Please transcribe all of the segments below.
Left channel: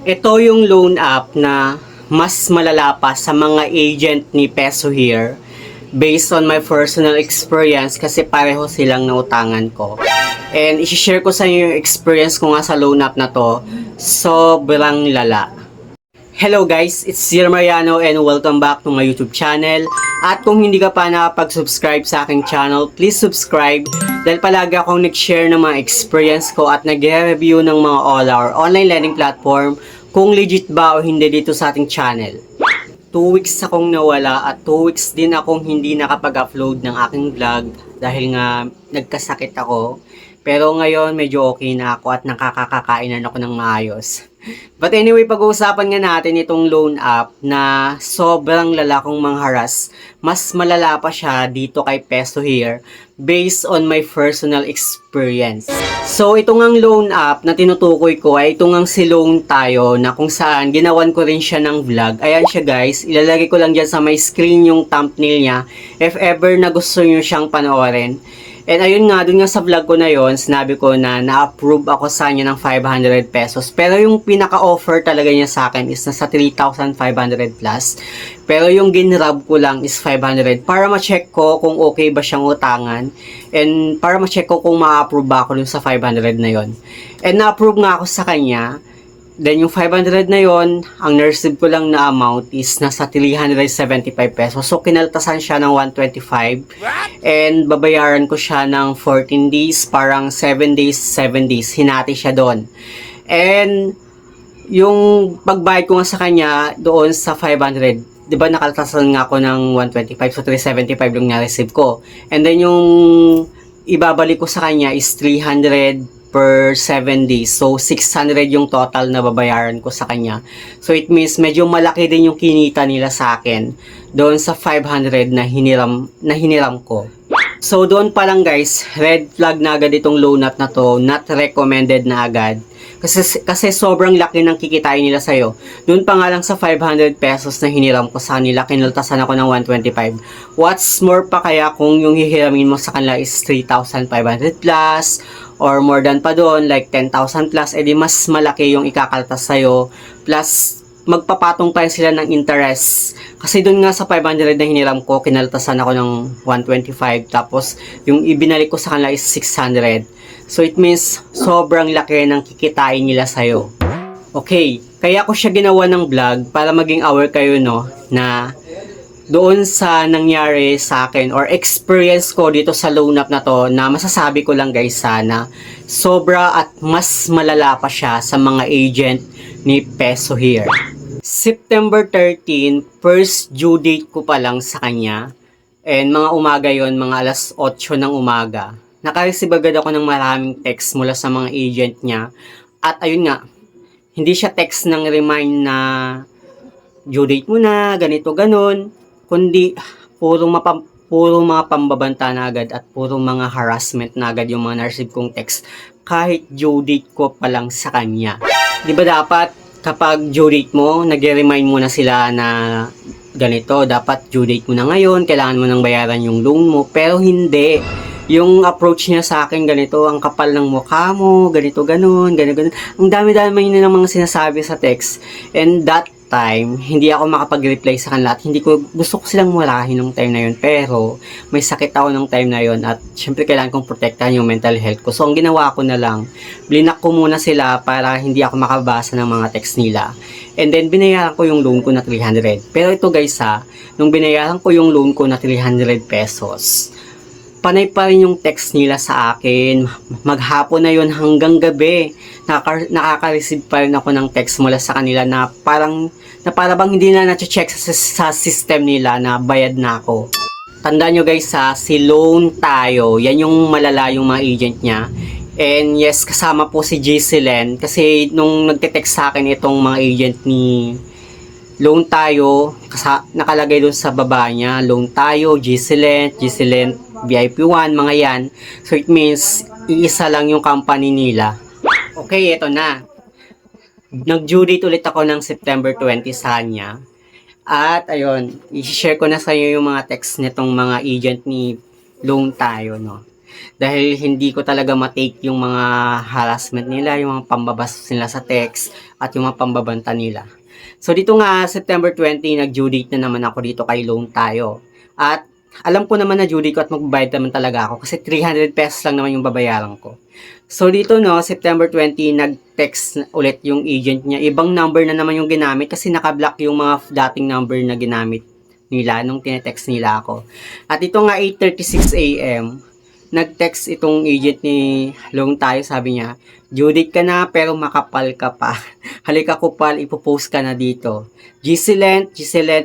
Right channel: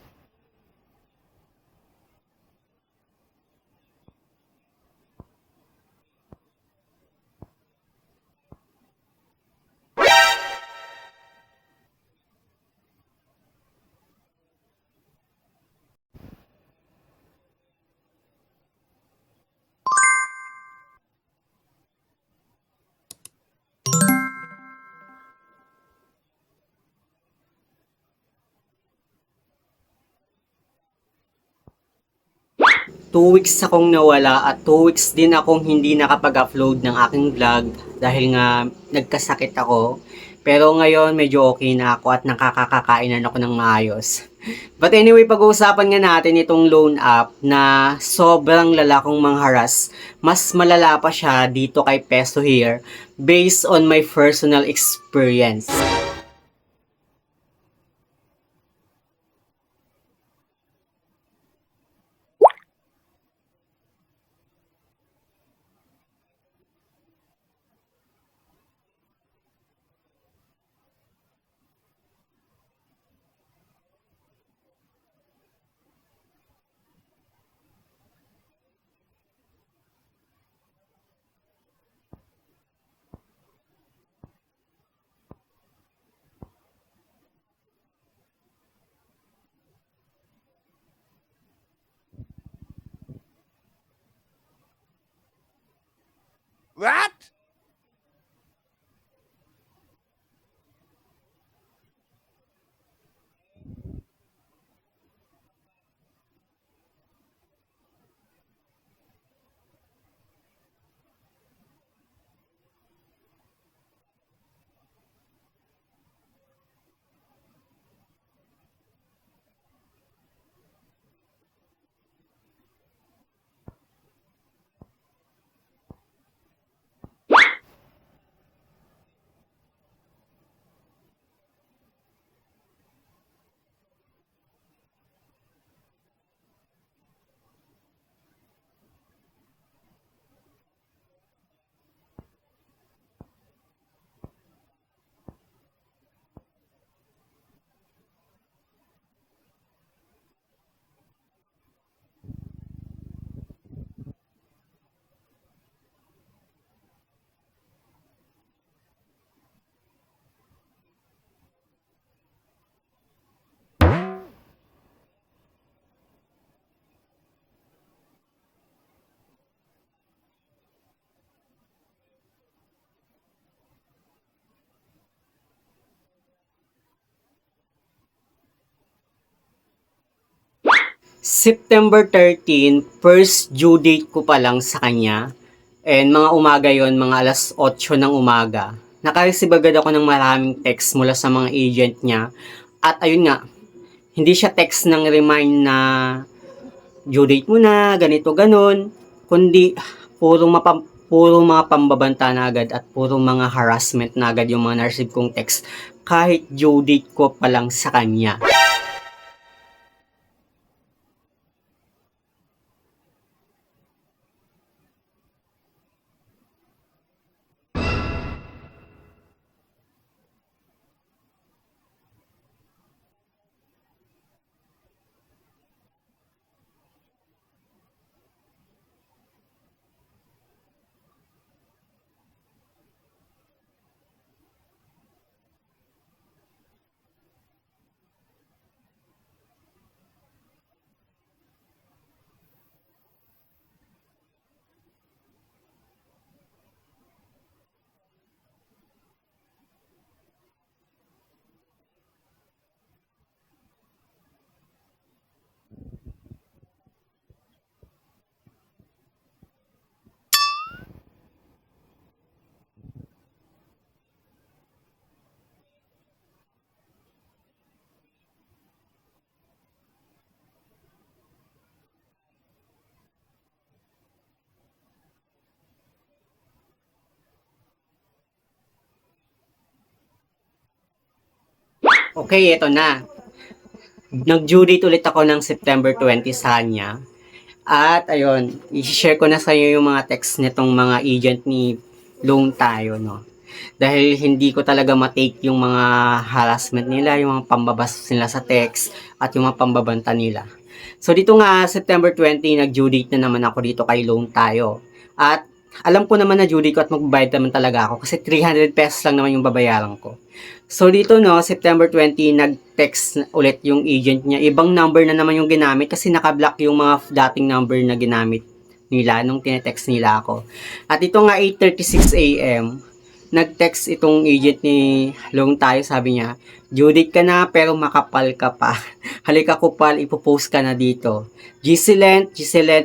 Ito yung loan app na mas malala pa sa mga agent ni Peso Here based on my personal experience kasi pareho silang nautangan ko. And isi-share ko sa inyo yung experience ko nga sa loan app na to. Sobrang lala. Hello guys, it's Sir Mariano and welcome back to my YouTube channel. At kung hindi ka pa nakapag-subscribe sa aking channel, please subscribe dahil palagi akong nag-share ng mga experience ko at nag-review ng mga online lending platform kung legit ba o hindi dito sa ating channel. 2 weeks akong nawala at 2 weeks din akong hindi nakapag-upload ng aking vlog dahil nga nagkasakit ako. Pero ngayon medyo okay na ako at nakakakainan ako ng maayos. But anyway, pag-uusapan nga natin itong loan app na sobrang lala kong mangharas. Mas malala pa siya dito kay Peso Here based on my personal experience. So, ito ngang loan app na tinutukoy ko ay ito ngang si Loan Tayo na kung saan ginawan ko rin siya ng vlog. Ayan siya guys, ilalagay ko lang dyan sa my screen yung thumbnail niya if ever na gusto nyo siyang panoorin. And ayun nga, dun nga sa vlog ko na yon, sinabi ko na na-approve ako sa kanya ng 500 pesos. Pero yung pinaka-offer talaga niya sa akin is nasa 3,500 plus. Pero yung ginrab ko lang is 500 para ma-check ko kung okay ba siyang utangan. And para ma-check ko kung ma-approve ba ako dun sa 500 na yon. And na-approve nga ako sa kanya. Then yung 500 na yon, ang na-receive ko lang na amount is nasa 375 pesos. So kinaltasan siya ng 125. And babayaran ko siya ng 14 days, parang 7 days, 7 days. Hinati siya doon. And yung pagbayad ko nga sa kanya doon sa 500, 'di ba nakaltasan nga ako ng 125, so 375 yung na-receive ko. And then yung ibabalik ko sa kanya is 300 per 7 days. So, 600 yung total na babayaran ko sa kanya. So, it means medyo malaki din yung kinita nila sa akin doon sa 500 na hiniram ko. So, doon pa lang guys, red flag na agad itong loan app na to, not recommended na agad. Kasi sobrang laki ng kikitain nila sa'yo. Doon pa nga lang sa 500 pesos na hiniram ko sa kanila, kinaltasan ako ng 125. What's more pa kaya kung yung hihiramin mo sa kanila is 3,500 plus, or more than pa doon, like 10,000 plus, edi mas malaki yung ikakaltas sa'yo. Plus, magpapatong pa sila ng interest. Kasi doon nga sa 500 na hiniram ko, kinaltasan ako ng 125. Tapos, yung ibinalik ko sa kanila is 600. So, it means, sobrang laki ng kikitain nila sa'yo. Okay, kaya ko siya ginawa ng vlog para maging aware kayo, no, na doon sa nangyari sa akin or experience ko dito sa loan app na to, na masasabi ko lang guys sana sobra at mas malala pa siya sa mga agent ni Peso Here. September 13, first due date ko pa lang sa kanya, and mga umaga yon, mga alas 8 ng umaga. Nakareceive agad ako ng maraming text mula sa mga agent niya, at ayun nga, hindi siya text ng remind na due date mo na, ganito ganon, kundi puro mga pambabanta na agad at puro mga harassment na agad yung mga na-receive kong text kahit due date ko pa lang sa kanya. Di ba dapat kapag due date mo, nag-remind mo na sila na ganito, dapat due date mo na ngayon, kailangan mo nang bayaran yung loan mo, pero hindi. Yung approach niya sa akin ganito, ang kapal ng mukha mo, ganito ganon, ganito ganon. Ang dami-dami na ng mga sinasabi sa text. And that time, hindi ako makapag-reply sa kanila at hindi ko gusto ko silang murahin nung time na yun, pero may sakit ako nung time na yun at syempre kailangan kong protektahan yung mental health ko. So ang ginawa ko na lang, blinak ko muna sila para hindi ako makabasa ng mga text nila. And then binayaran ko yung loan ko na 300. Pero ito guys nung binayaran ko yung loan ko na 300 pesos, panay pa rin yung text nila sa akin. Maghapon na yun hanggang gabi. Nakaka-receive pa rin ako ng text mula sa kanila na parang bang hindi na na-check sa system nila na bayad na ako. Tandaan nyo guys si Loan Tayo, yan yung malala yung mga agent niya. And yes, kasama po si Giseline kasi nung nagte-text sa akin itong mga agent ni Loan Tayo, nakalagay doon sa baba niya, Loan Tayo, Giseline VIP1, mga yan. So it means, iisa lang yung company nila. Okay, ito na. Nag-due date ulit ako ng September 20 sa kanya. At ayun, i-share ko na sa iyo yung mga text nitong mga agent ni Loan Tayo, no. Dahil hindi ko talaga matake yung mga harassment nila, yung mga pambabas nila sa text, at yung mga pambabanta nila. So dito nga, September 20, nag-due date na naman ako dito kay Loan Tayo. At alam ko naman na due date ko at magbabayad naman talaga ako kasi 300 pesos lang naman yung babayaran ko. So dito no, September 20, nag-text ulit yung agent niya. Ibang number na naman yung ginamit kasi nakablock yung mga dating number na ginamit nila nung tinetext nila ako. At ito nga 8:36 AM, nag-text itong agent ni Long Tayo, sabi niya, due date ka na pero makapal ka pa. Halika kupal, ipopost ka na dito. Gisilent,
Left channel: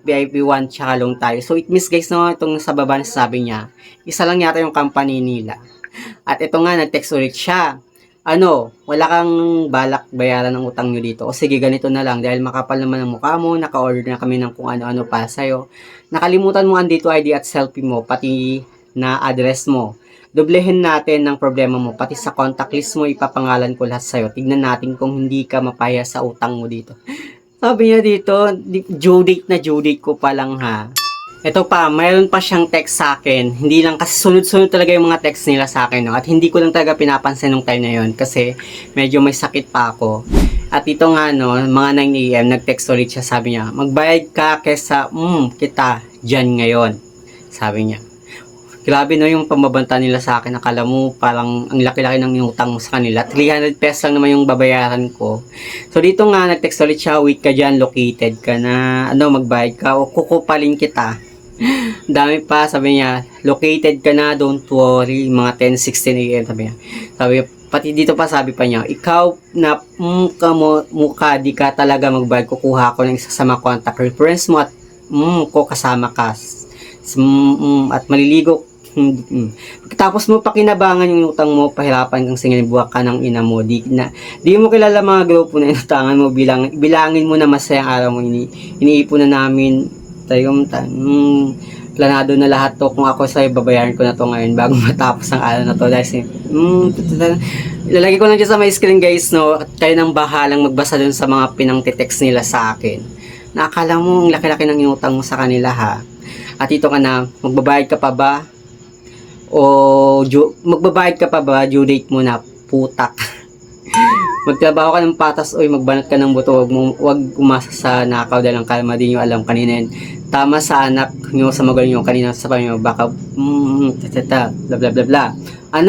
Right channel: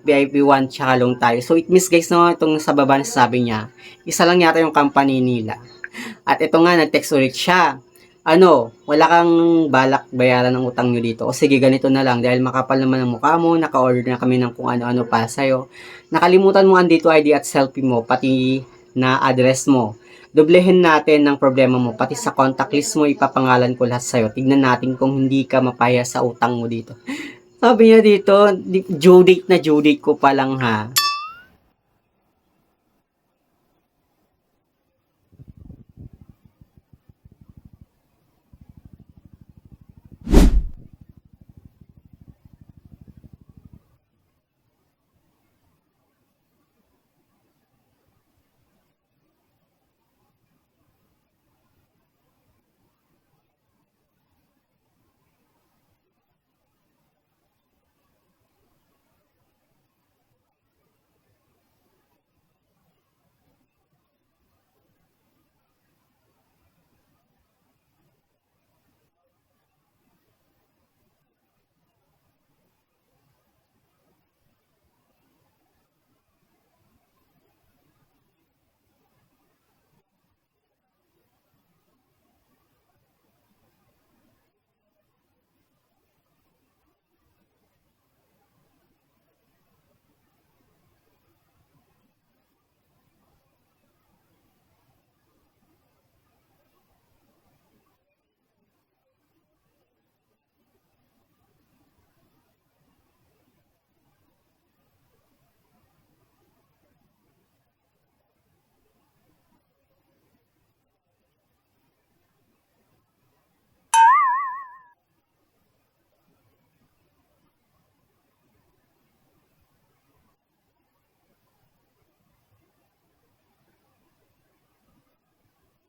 VIP1, tsaka Long Tayo. So it means guys, no, itong sa baba na sabi niya, isa lang yata yung company nila. At ito nga, nag-text ulit siya. Wala kang balak bayaran ng utang nyo dito. O sige, ganito na lang. Dahil makapal naman ang mukha mo, naka-order na kami ng kung ano-ano para sa'yo. Nakalimutan mo ang dito ID at selfie mo, pati na address mo. Doblehin natin ng problema mo, pati sa contact list mo, ipapangalan ko lahat sa'yo. Tignan natin kung hindi ka mapaya sa utang mo dito. Sabi niya dito, due date ko pa lang ha. Ito pa, mayroon pa siyang text sa akin. Hindi lang kasi sunod-sunod talaga yung mga text nila sa akin, no? At hindi ko lang talaga pinapansin nung time na yon kasi medyo may sakit pa ako. At ito nga, no, mga 9 AM, nag-text ulit siya, sabi niya, magbayad ka kesa, kita, dyan ngayon. Sabi niya. Grabe no yung pambabanta nila sa akin. Akala mo parang ang laki-laki ng inutang mo sa kanila. 300 pesos lang naman yung babayaran ko. So dito nga, nag-text ulit siya, wait ka dyan, located ka na, magbayad ka o kukupalin kita. Dami pa, sabi niya, located ka na, don't worry, mga 10:16 AM, sabi niya. Pati dito pa sabi pa niya, ikaw na mukha, di ka talaga magbayad, kukuha ko ng isa sa mga contact reference mo at ko kasama ka. At maliligo. Tapos mo pakinabangan yung utang mo, pahirapan kang singilin, buwak ka ng ina mo. Di mo kilala mga grupo na inutangan mo, bilangin mo na masayang araw mo, iniipon na namin tayo, planado na lahat to. Kung ako sa'yo, babayaran ko na to ngayon bago matapos ang araw na to. Dahil ilalagay ko lang dyan sa my screen guys, no, at kayo nang bahalang magbasa dun sa mga pinang-text nila sa akin. Nakakala mo ang laki-laki ng inutang mo sa kanila ha. At ito ka na, magbabayad ka pa ba? Magbabayad ka pa ba? Due date mo na, putak. Magtrabaho ka ng patas, magbanat ka ng buto, wag umasa sa nakaw dahil ang kalma din yung alam kanina yan. Tama sa anak nyo, sa magaling nyo, kanina sa panyo, baka, bla bla bla bla.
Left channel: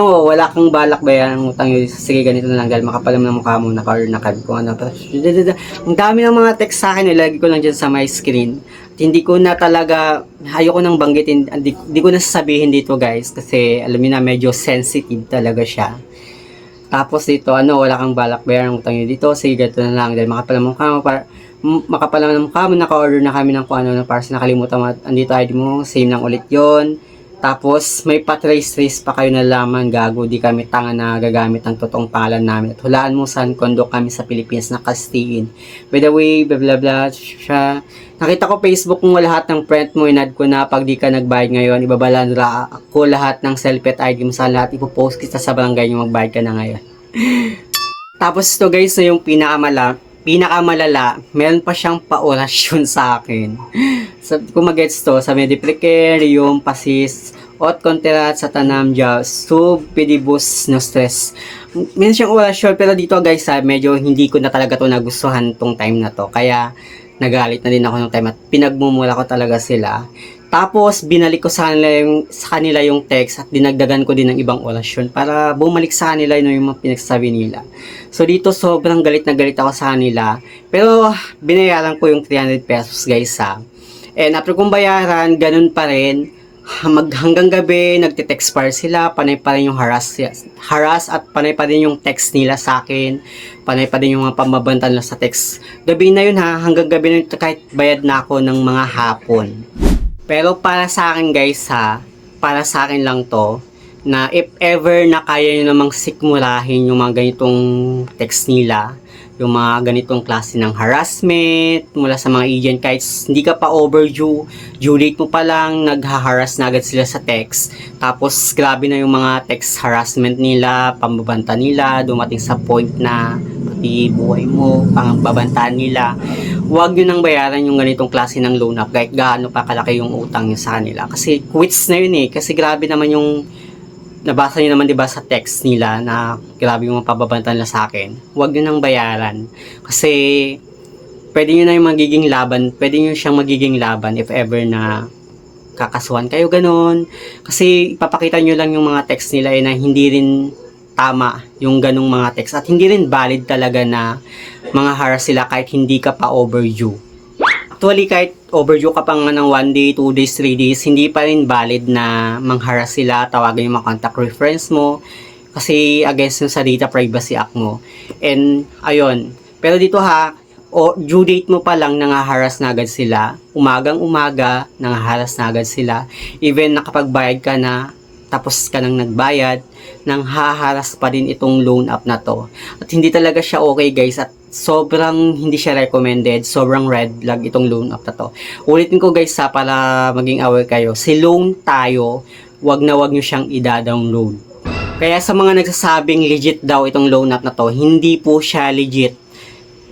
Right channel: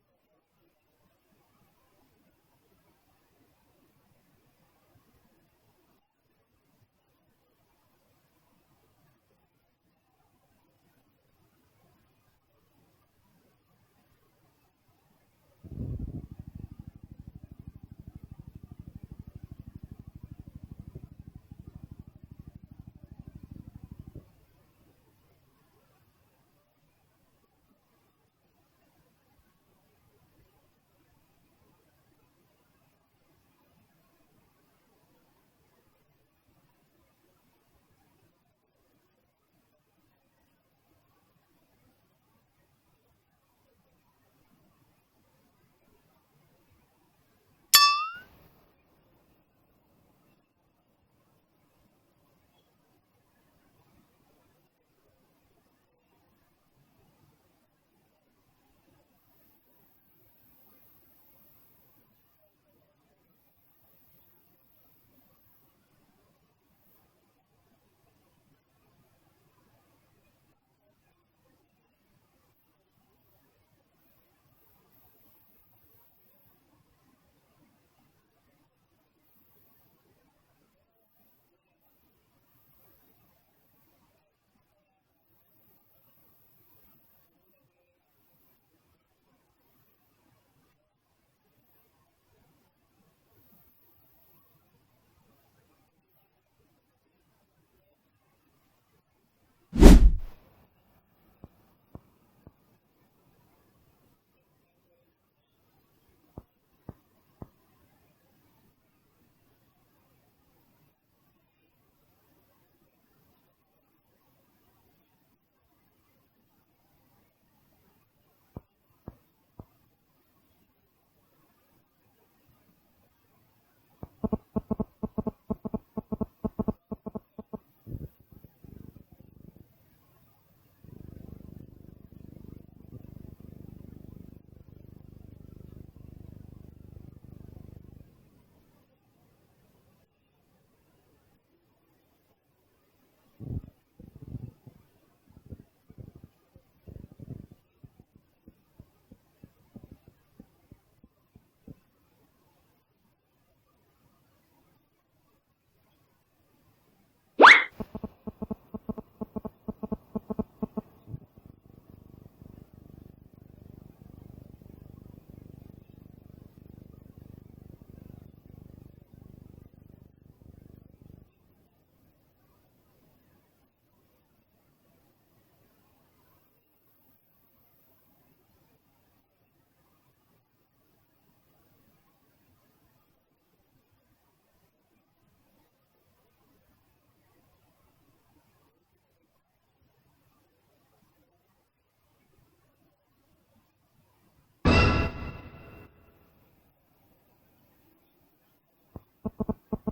Wala kang balak bayaran ng utang nyo, sige ganito na lang dahil makapalam ng mukha mo, naka-order na card ko, Ang dami ng mga text sa akin, ilagay ko lang dyan sa my screen. At hindi ko na talaga, ayoko nang banggitin, hindi ko na sasabihin dito guys, kasi alam niyo na medyo sensitive talaga siya. Tapos dito, wala kang balak bayaran ng utang nyo dito, sige ganito na lang dahil makapalam ng mukha mo, makapala ng mukha mo, naka-order na kami ng kung ano para sa nakalimutan mo, andito ID mo, same lang ulit yon. Tapos may pa-trace pa kayo na laman, gago, di kami tanga na gagamit ng totoong pangalan namin. At hulaan mo saan kondo kami sa Pilipinas na kastiin. By the way, blah blah blah, siya. Nakita ko Facebook mo lahat ng friend mo, inad ko na pag di ka nagbayad ngayon, ibabalandra ko lahat ng selfie at ID mo sa lahat, ipopost kita sa barangay yung magbayad ka na ngayon. Tapos ito guys, na yung pinakamalala, meron pa siyang pa-orasyon sa akin. Kung mag-gets to, sa Mediplicare, yung pasis, ot konterat sa tanam dya, sub, pedibus, no stress. Meron siyang orasyon, pero dito guys, medyo hindi ko na talaga to nagustuhan tong time na to. Kaya, nagalit na din ako ng time at pinagmumula ko talaga sila. Tapos, binalik ko sa kanila yung text at dinagdagan ko din ng ibang orasyon para bumalik sa kanila yung mga pinagsasabi nila. So, dito sobrang galit na galit ako sa kanila. Pero, binayaran ko yung 300 pesos guys ha. And after kong bayaran, ganun pa rin. Hanggang gabi, nagte-text pa rin sila. Panay pa rin yung harass at panay pa rin yung text nila sa akin. Panay pa rin yung mga pamabanta nila sa text. Gabi na yun ha, hanggang gabi na yun kahit bayad na ako ng mga hapon. Pero para sa akin guys ha, para sa akin lang to, na if ever na kaya nyo namang sikmurahin yung mga ganitong text nila, yung mga ganitong klase ng harassment mula sa mga agent, kahit hindi ka pa overdue, due date mo pa lang, nagha-harass na agad sila sa text. Tapos grabe na yung mga text harassment nila, pambabanta nila, dumating sa point na pati buhay mo, pangbabantaan nila. Huwag nyo nang bayaran yung ganitong klase ng loan up, kahit gaano pa kalaki yung utang nyo sa kanila. Kasi quits na yun kasi grabe naman yung nabasa niyo naman 'di ba sa text nila na grabe yung mga pababantan nila sa akin. Huwag niyo nang bayaran. Kasi pwede niyo na yung magiging laban, pwede niyo siyang magiging laban if ever na kakasuhan kayo ganun. Kasi ipapakita niyo lang yung mga text nila na hindi rin tama yung ganung mga text at hindi rin valid talaga na mga harass sila kahit hindi ka pa overdue. Actually, kahit overdue ka pa nga ng 1 day, 2 days, 3 days, hindi pa rin valid na mangharas sila, tawagan yung mga contact reference mo, kasi against yung sa data privacy act mo. And, ayun. Pero dito ha, due date mo pa lang nangaharas na agad sila, umagang umaga, nangaharas na agad sila, even nakapagbayad ka na, tapos ka nang nagbayad, nang haharas pa din itong loan app na to. At hindi talaga siya okay guys, at sobrang hindi siya recommended, sobrang red flag itong loan app na to. Ulitin ko guys ha, para maging aware kayo, si Loan Tayo, wag na wag nyo siyang i-download. Kaya sa mga nagsasabing legit daw itong loan app na to, hindi po siya legit.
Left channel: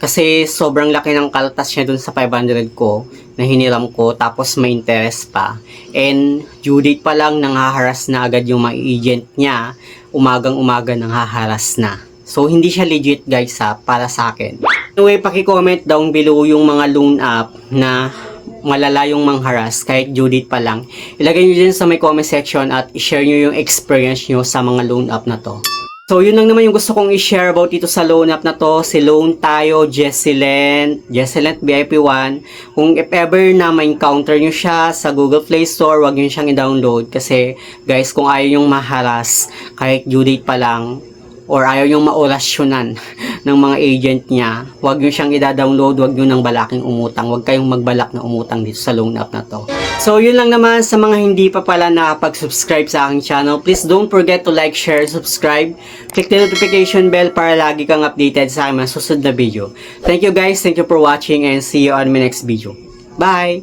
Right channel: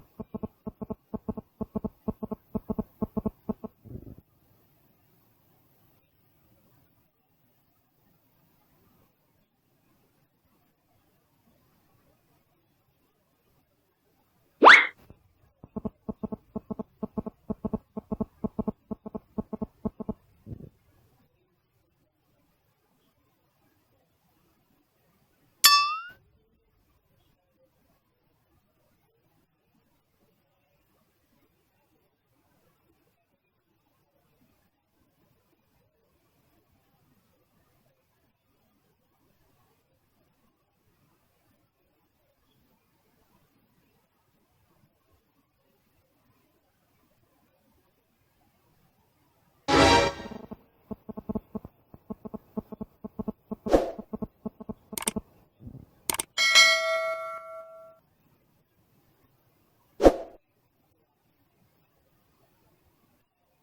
Kasi sobrang laki ng kaltas niya dun sa 500 ko na hiniram ko, tapos may interest pa. And due date pa lang nanghaharas na agad yung mga agent niya, umagang umaga nanghaharas na. So hindi siya legit guys ha, para sa akin. Anyway, paki-comment down below yung mga loan app na malala yung mangharas kahit due date pa lang. Ilagay nyo dyan sa may comment section at i-share nyo yung experience nyo sa mga loan app na to. So, yun lang naman yung gusto kong i-share about dito sa loan app na to. Si Loan Tayo, Jessilent VIP1. Kung if ever na ma-encounter nyo siya sa Google Play Store, wag nyo siyang i-download. Kasi, guys, kung ayaw yung maharas, kahit due date pa lang, or ayaw yung maorasyonan ng mga agent niya, wag nyo siyang i-download, wag nyo nang balaking umutang. Wag kayong magbalak na umutang dito sa loan app na to. So, yun lang naman sa mga hindi pa pala nakapag-subscribe sa aking channel. Please don't forget to like, share, subscribe. Click the notification bell para lagi kang updated sa aking mga susunod na video. Thank you guys, thank you for watching, and see you on my next video. Bye!